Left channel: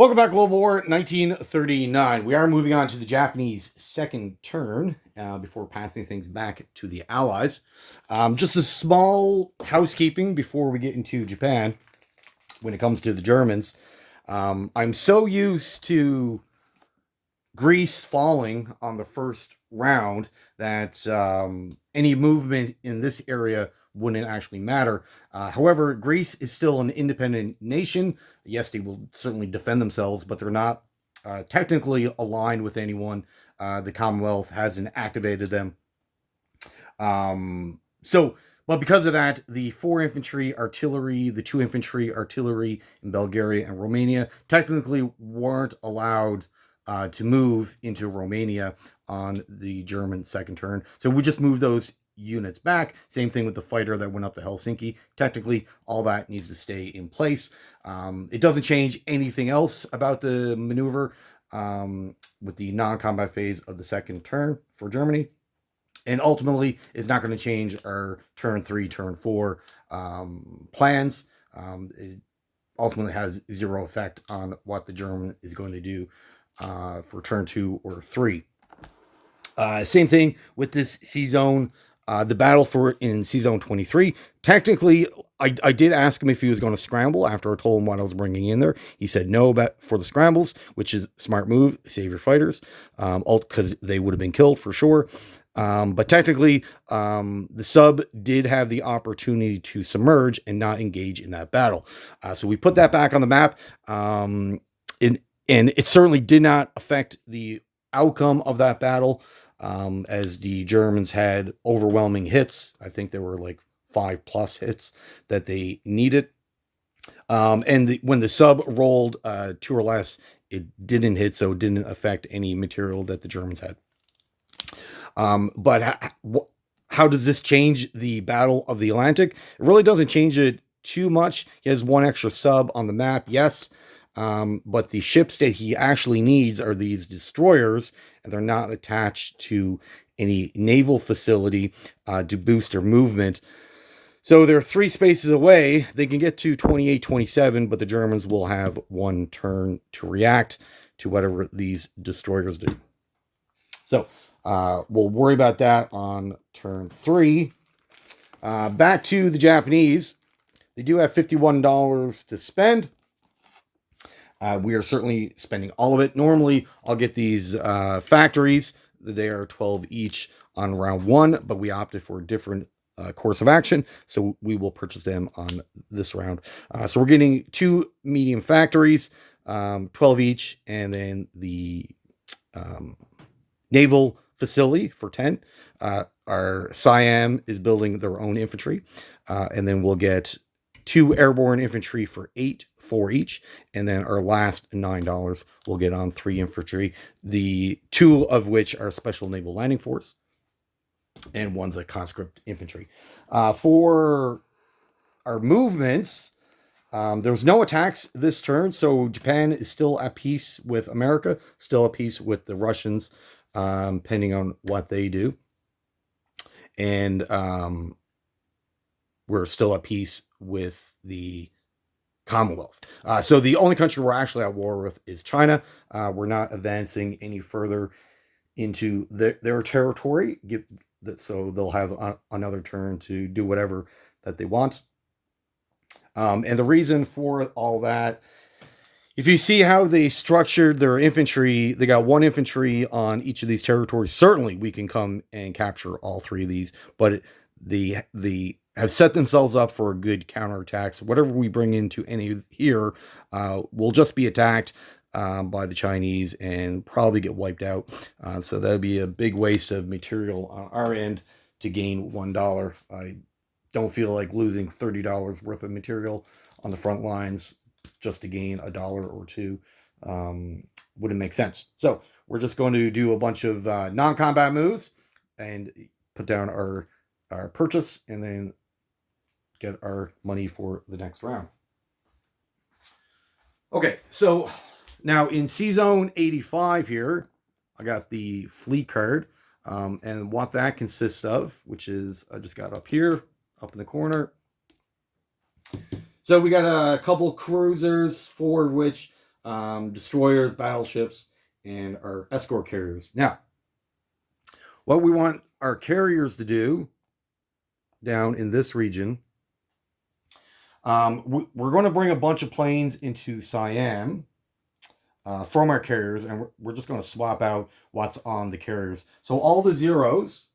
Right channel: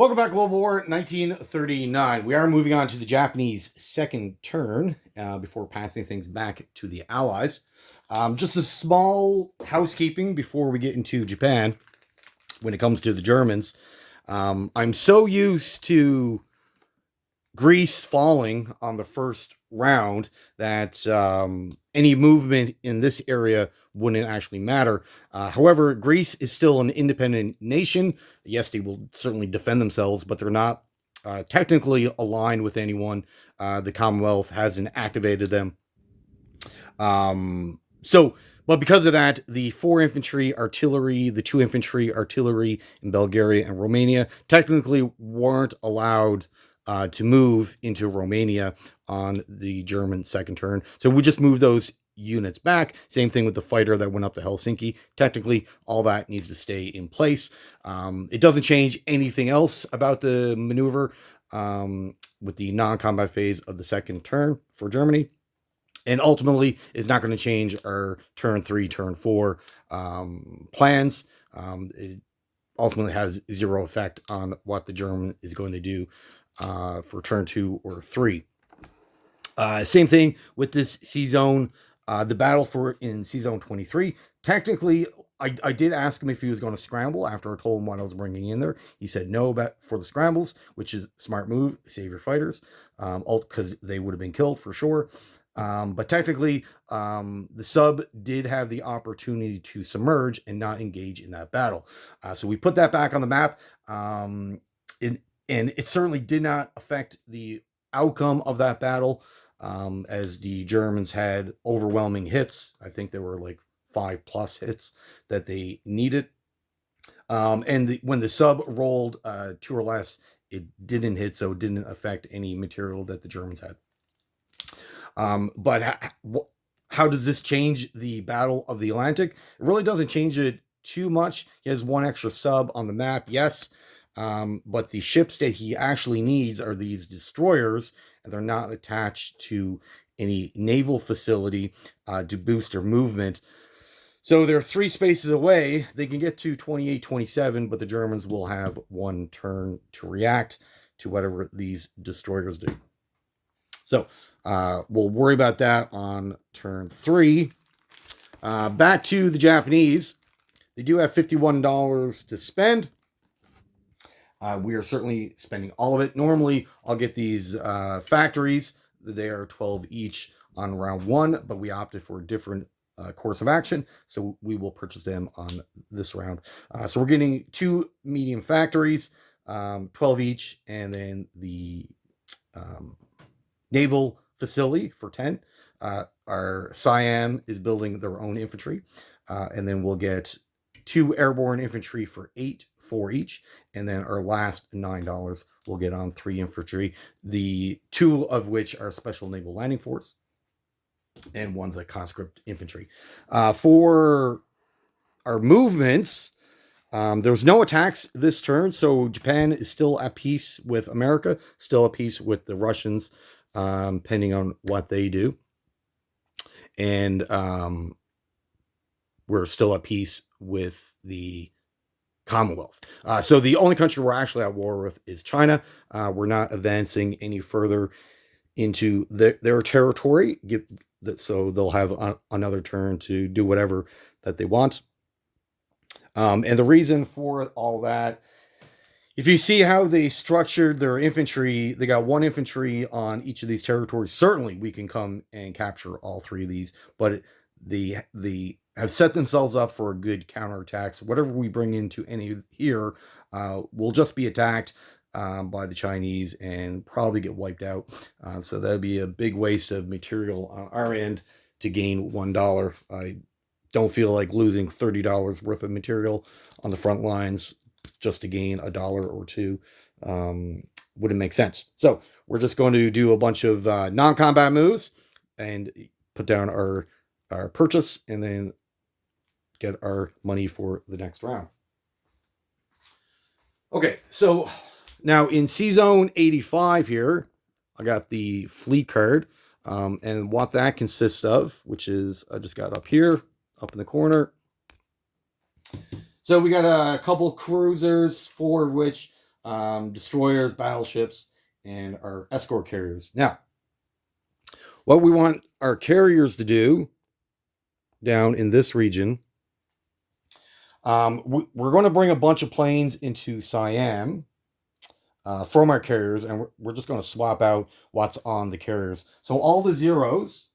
Welcome back, Global War 1939. We are moving on to the Japanese second turn before passing things back to the Allies. Just a small housekeeping before we get into Japan when it comes to the Germans. I'm so used to Greece falling on the first round that any movement in this area wouldn't actually matter. However, Greece is still an independent nation. Yes, they will certainly defend themselves, but they're not technically aligned with anyone. The Commonwealth hasn't activated them. But because of that, the 4 infantry artillery, the 2 infantry artillery in Bulgaria and Romania technically weren't allowed to move into Romania on the German second turn. So we just moved those units back. Same thing with the fighter that went up to Helsinki. Technically, all that needs to stay in place. It doesn't change anything else about the maneuver with the non-combat phase of the second turn for Germany. And ultimately, it's not going to change our turn 3, turn 4 plans. It ultimately has zero effect on what the German is going to do for turn 2 or 3. Same thing with this C zone. The battle for in C zone 23. Technically, I did ask him if he was going to scramble after I told him what I was bringing in there. He said no for the scrambles, which is a smart move. Save your fighters, because they would have been killed for sure. But technically, the sub did have the opportunity to submerge and not engage in that battle. So we put that back on the map. And it certainly did not affect the outcome of that battle, as the Germans had overwhelming hits. I think there were like 5+ hits that they needed. And when the sub rolled 2 or less, it didn't hit, so it didn't affect any material that the Germans had. But how does this change the Battle of the Atlantic? It really doesn't change it too much. He has 1 extra sub on the map, yes. But the ships that he actually needs are these destroyers, and they're not attached to any naval facility to boost their movement. So they're 3 spaces away. They can get to 28, 27, but the Germans will have 1 turn to react to whatever these destroyers do. So we'll worry about that on turn 3. Back to the Japanese. They do have $51 to spend. We are certainly spending all of it. Normally, I'll get these factories. They are 12 each on round 1, but we opted for a different course of action, so we will purchase them on this round. So we're getting 2 medium factories, 12 each, and then the naval facility for 10. Our Siam is building their own infantry, and then we'll get 2 airborne infantry for 8, 4 each, and then our last $9 we'll get on 3 infantry, the 2 of which are special naval landing force, and 1's a conscript infantry. For our movements, there's no attacks this turn, so Japan is still at peace with America, still at peace with the Russians, depending on what they do. And we're still at peace with the Commonwealth. So the only country we're actually at war with is China. We're not advancing any further into their territory, so they'll have another turn to do whatever that they want. And the reason for all that, if you see how they structured their infantry, they got 1 infantry on each of these territories. Certainly we can come and capture all 3 of these, but they have set themselves up for a good counterattack. So whatever we bring into any here will just be attacked by the Chinese and probably get wiped out. So that'd be a big waste of material on our end to gain $1. I don't feel like losing $30 worth of material on the front lines just to gain $1 or $2. Wouldn't make sense. So we're just going to do a bunch of non-combat moves and put down our purchase, and then get our money for the next round. Okay, so now in C Zone 85 here, I got the fleet card, and what that consists of, which is, I just got up here, up in the corner. So we got a couple cruisers, 4 of which destroyers, battleships, and our escort carriers. Now, what we want our carriers to do down in this region, we're going to bring a bunch of planes into Siam from our carriers, and we're just going to swap out what's on the carriers. So all the zeros,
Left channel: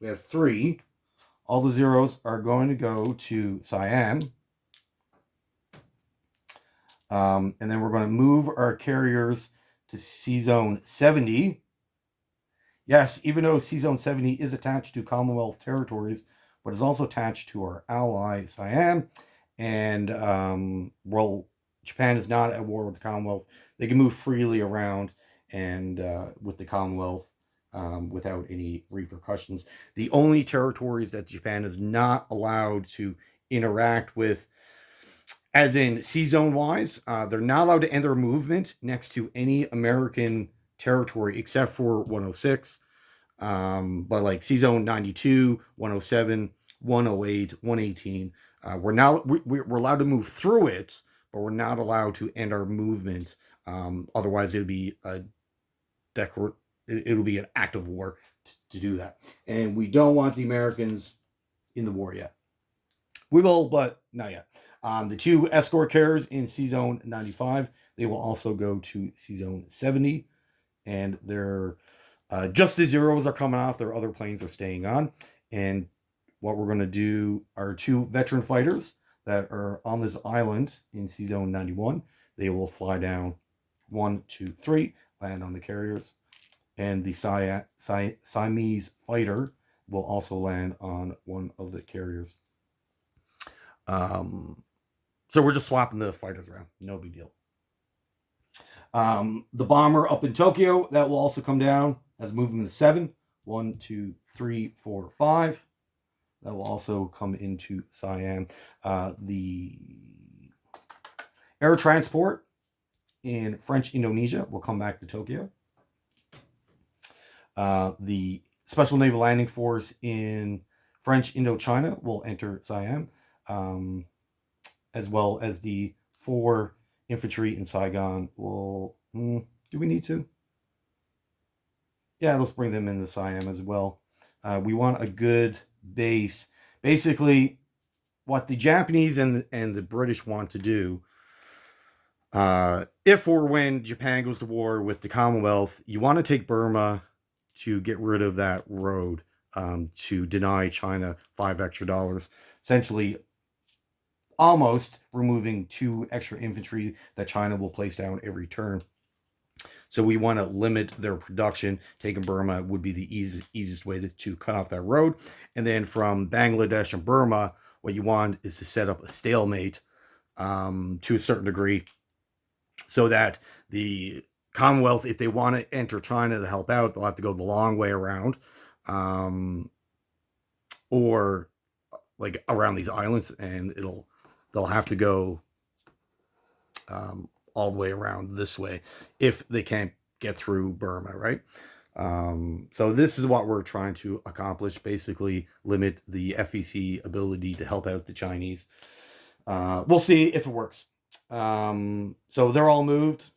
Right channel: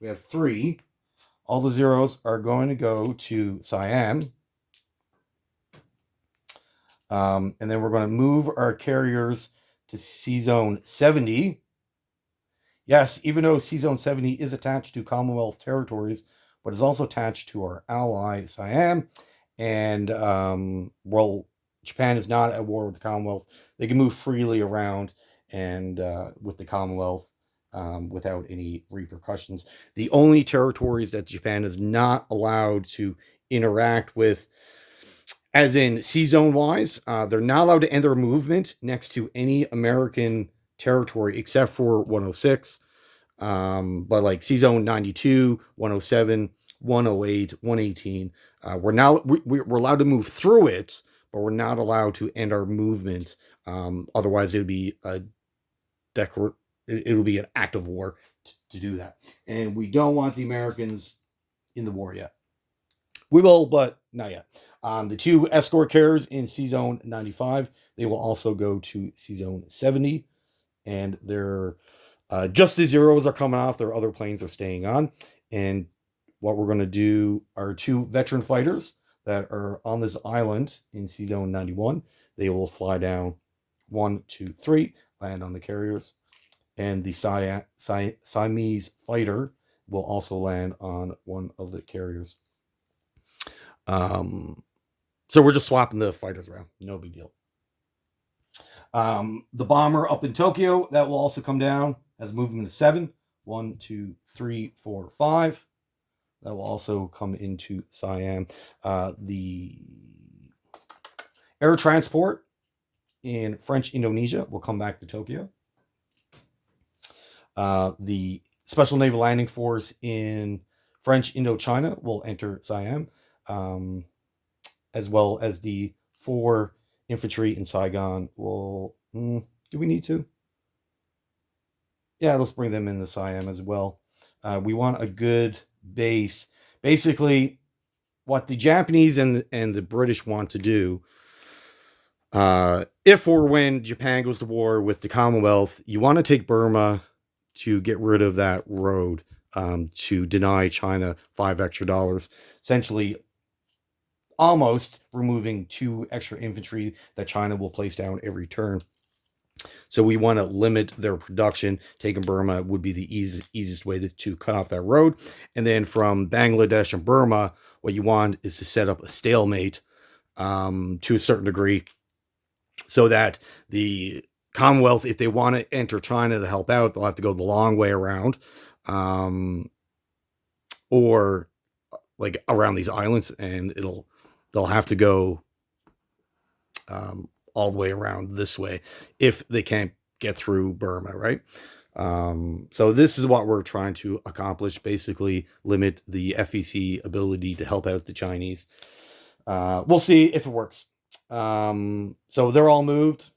we have 3. All the zeros are going to go to Siam. And then we're going to move our carriers to C-Zone 70. Yes, even though C-Zone 70 is attached to Commonwealth territories, but is also attached to our ally Siam. And well, Japan is not at war with the Commonwealth. They can move freely around and with the Commonwealth without any repercussions. The only territories that Japan is not allowed to interact with, as in C-Zone wise, they're not allowed to end their movement next to any American territory except for 106. But like C-Zone 92, 107, 108, 118, we're allowed to move through it, but we're not allowed to end our movement. Otherwise, it would be an act of war to do that, and we don't want the Americans in the war yet. We will, but not yet. The 2 escort carriers in C-Zone 95, they will also go to C-Zone 70, and they're just the zeros are coming off. Their other planes are staying on. And what we're going to do are 2 veteran fighters that are on this island in C-Zone 91. They will fly down 1, 2, 3, land on the carriers. And the Siamese fighter will also land on one of the carriers. So we're just swapping the fighters around. No big deal. The bomber up in Tokyo, that will also come down as movement of 7. 1, 2, 3, 4, 5. That will also come into Siam. The air transport in French Indonesia will come back to Tokyo. The Special Naval Landing Force in French Indochina will enter Siam, as well as the 4 infantry in Saigon will. Do we need to? Yeah, let's bring them into Siam as well. We want a good base. Basically, what the Japanese and the British want to do, if or when Japan goes to war with the Commonwealth, you want to take Burma to get rid of that road, to deny China $5 extra, essentially almost removing 2 extra infantry that China will place down every turn. So we want to limit their production. Taking Burma would be the easiest way to cut off that road. And then from Bangladesh and Burma, what you want is to set up a stalemate to a certain degree, so that the Commonwealth, if they want to enter China to help out, they'll have to go the long way around, or like around these islands, and they'll have to go all the way around this way if they can't get through Burma, right? So this is what we're trying to accomplish, basically limit the FEC ability to help out the Chinese. We'll see if it works. So they're all moved.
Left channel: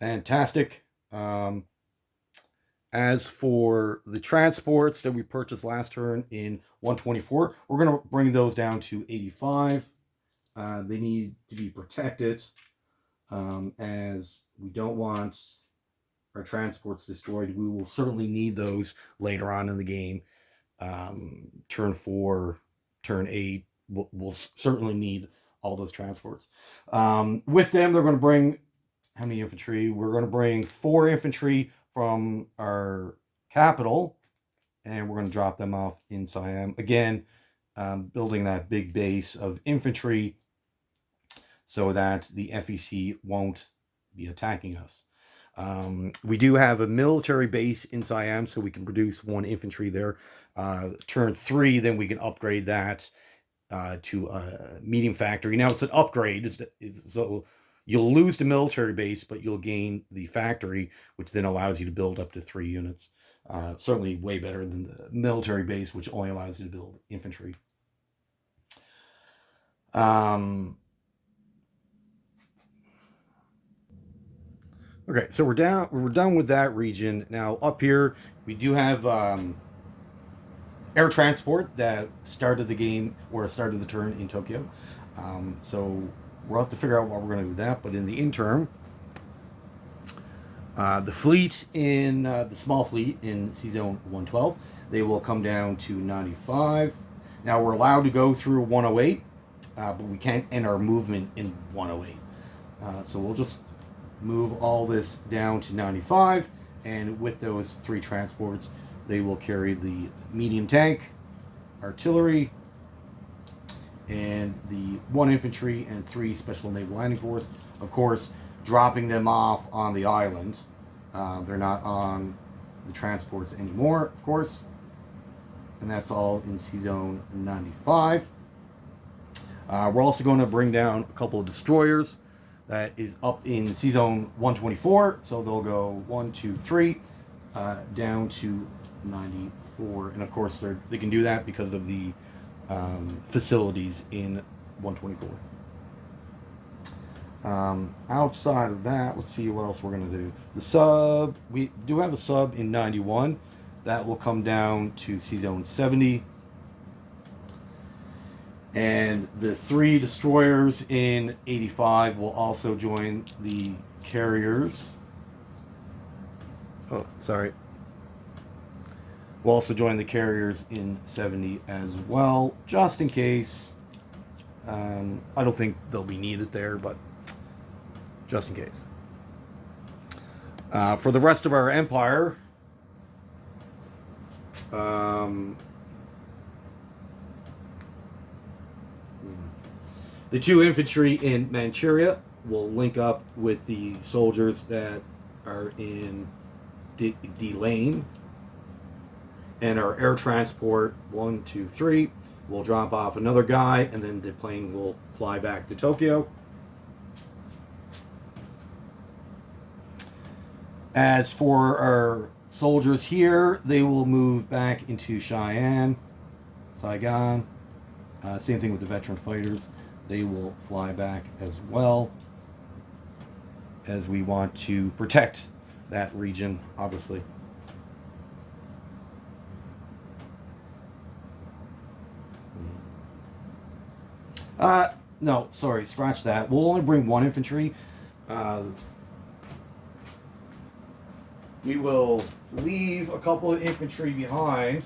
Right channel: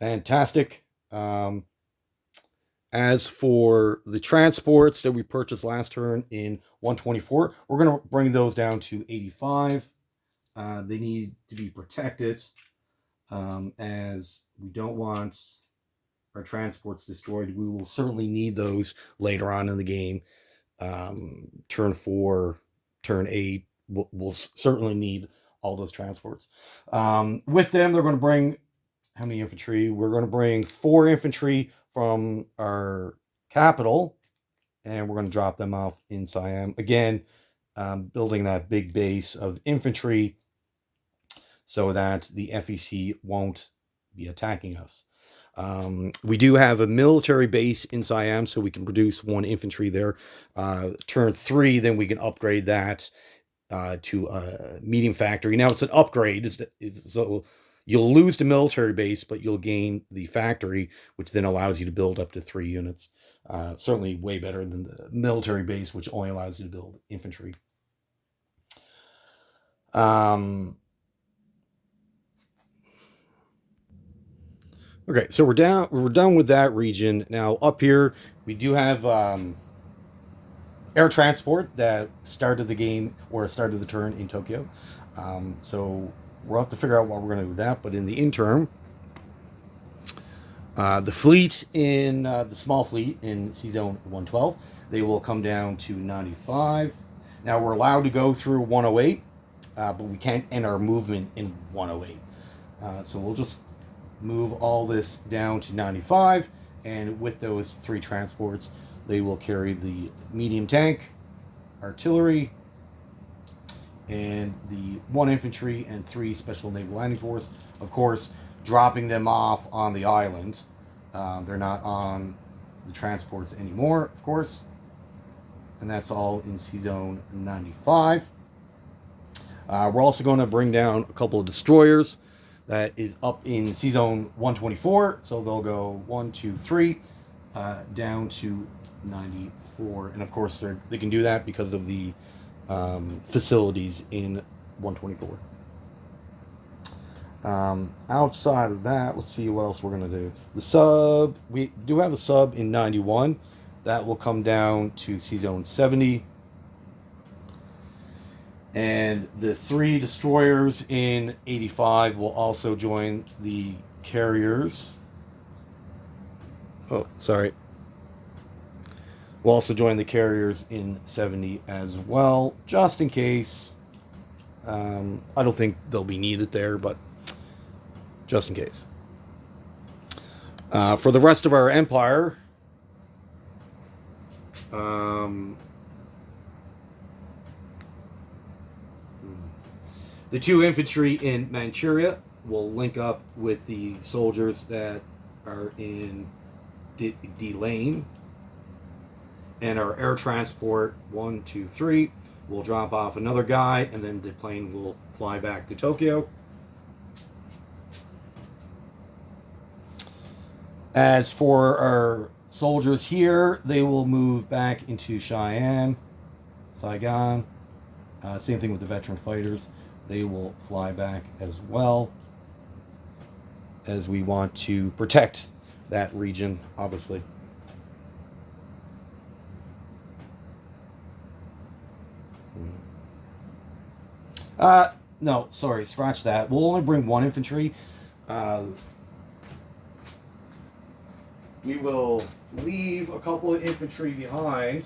Fantastic. As for the transports that we purchased last turn in 124, we're going to bring those down to 85. They need to be protected, as we don't want our transports destroyed. We will certainly need those later on in the game. Turn 4, turn 8, we'll certainly need all those transports. With them, they're going to bring how many infantry? We're going to bring 4 infantry from our capital, and we're going to drop them off in Siam. Again, building that big base of infantry so that the FEC won't be attacking us. We do have a military base in Siam, so we can produce 1 infantry there. Turn 3, then we can upgrade that to a medium factory. Now it's an upgrade, so you'll lose the military base, but you'll gain the factory, which then allows you to build up to 3 units. Certainly way better than the military base, which only allows you to build infantry. Okay, so we're done with that region. Now up here we do have air transport that started the game or started the turn in Tokyo. So we'll have to figure out what we're going to do with that. But in the interim, the fleet in the small fleet in C Zone 112, they will come down to 95. Now we're allowed to go through 108, but we can't end our movement in 108. So we'll just move all this down to 95, and with those three transports, they will carry the medium tank, artillery, and the one infantry and three special naval landing force. Of course, dropping them off on the island. They're not on the transports anymore, of course. And that's all in C Zone 95. We're also going to bring down a couple of destroyers. That is up in C Zone 124. So they'll go 1, 2, 3 down to 94. And of course, they can do that because of the facilities in 124. Outside of that, let's see what else we're going to do. The sub, we do have a sub in 91. That will come down to C Zone 70. And the three destroyers in 85 will also join the carriers. Oh, sorry. We'll also join the carriers in 70 as well, just in case. I don't think they'll be needed there, but just in case. For the rest of our empire, the two infantry in Manchuria will link up with the soldiers that are in D-Lane. And our air transport, 1, 2, 3, will drop off another guy, and then the plane will fly back to Tokyo. As for our soldiers here, they will move back into Cheyenne, Saigon. Same thing with the veteran fighters. They will fly back as well, as we want to protect that region, obviously. No, sorry, scratch that. We'll only bring one infantry. We will leave a couple of infantry behind.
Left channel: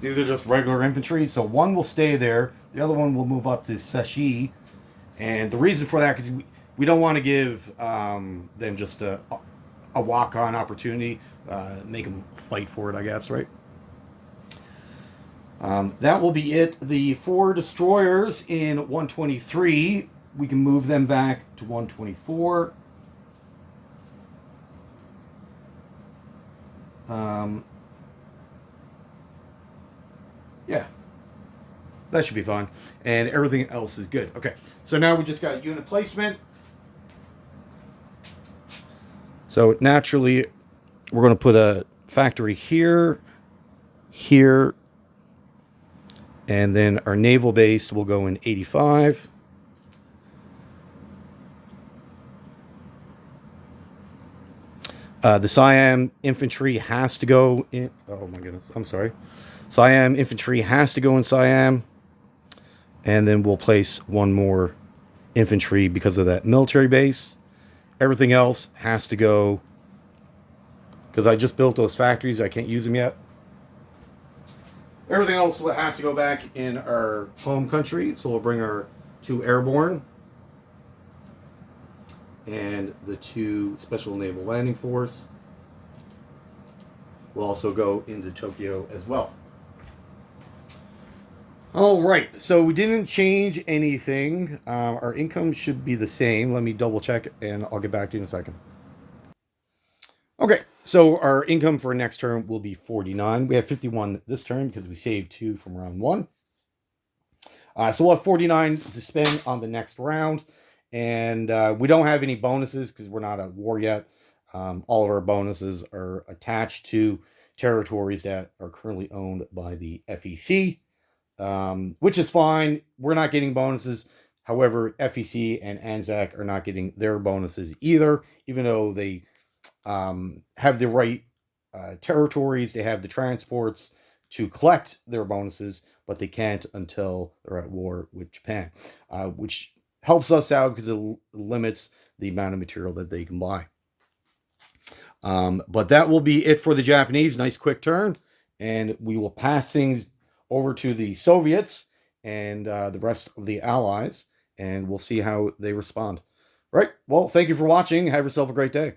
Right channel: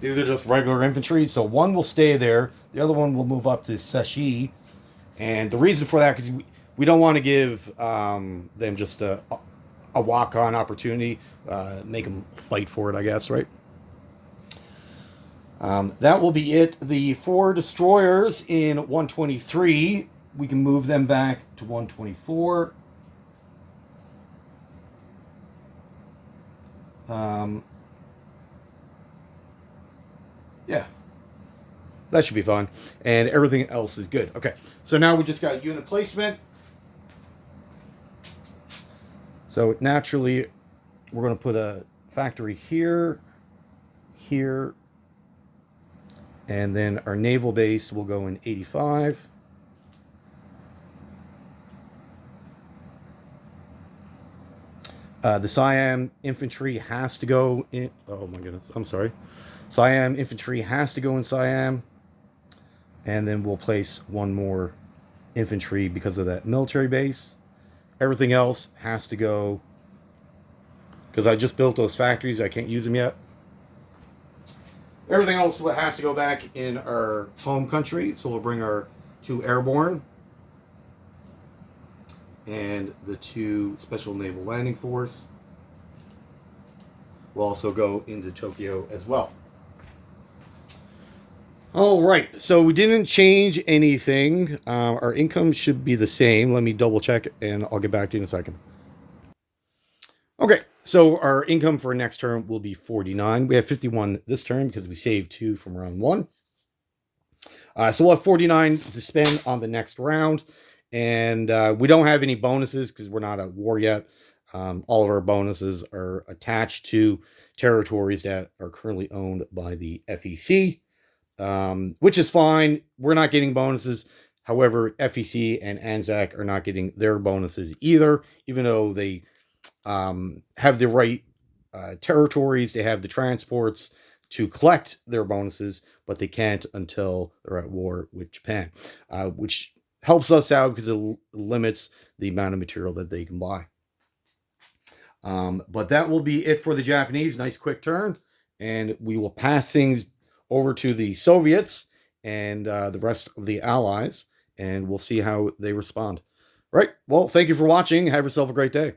These are just regular infantry, so one will stay there. The other one will move up to Seshi. And the reason for that is we don't want to give them just a walk-on opportunity, make them fight for it, I guess, right? That will be it. The 4 destroyers in 123, we can move them back to 124. Yeah, that should be fine. And everything else is good. Okay, so now we just got unit placement. So naturally, we're going to put a factory here, here, and then our naval base will go in 85. The Siam infantry has to go in. Oh my goodness, I'm sorry. Siam infantry has to go in Siam. And then we'll place one more infantry because of that military base. Everything else has to go, because I just built those factories. I can't use them yet. Everything else has to go back in our home country. So we'll bring our 2 airborne and the 2 special naval landing force. Will also go into Tokyo as well. All right, so we didn't change anything. Our income should be the same. Let me double check and I'll get back to you in a second. Okay, so our income for next term will be 49. We have 51 this term because we saved 2 from round 1. So we'll have 49 to spend on the next round. And we don't have any bonuses because we're not at war yet. All of our bonuses are attached to territories that are currently owned by the FEC. Which is fine. We're not getting bonuses. However, FEC and ANZAC are not getting their bonuses either, even though they have the right territories, they have the transports to collect their bonuses, but they can't until they're at war with Japan, which helps us out because it limits the amount of material that they can buy. But that will be it for the Japanese. Nice quick turn. And we will pass things over to the Soviets and the rest of the Allies, and we'll see how they respond. Right. Well, thank you for watching. Have yourself a great day.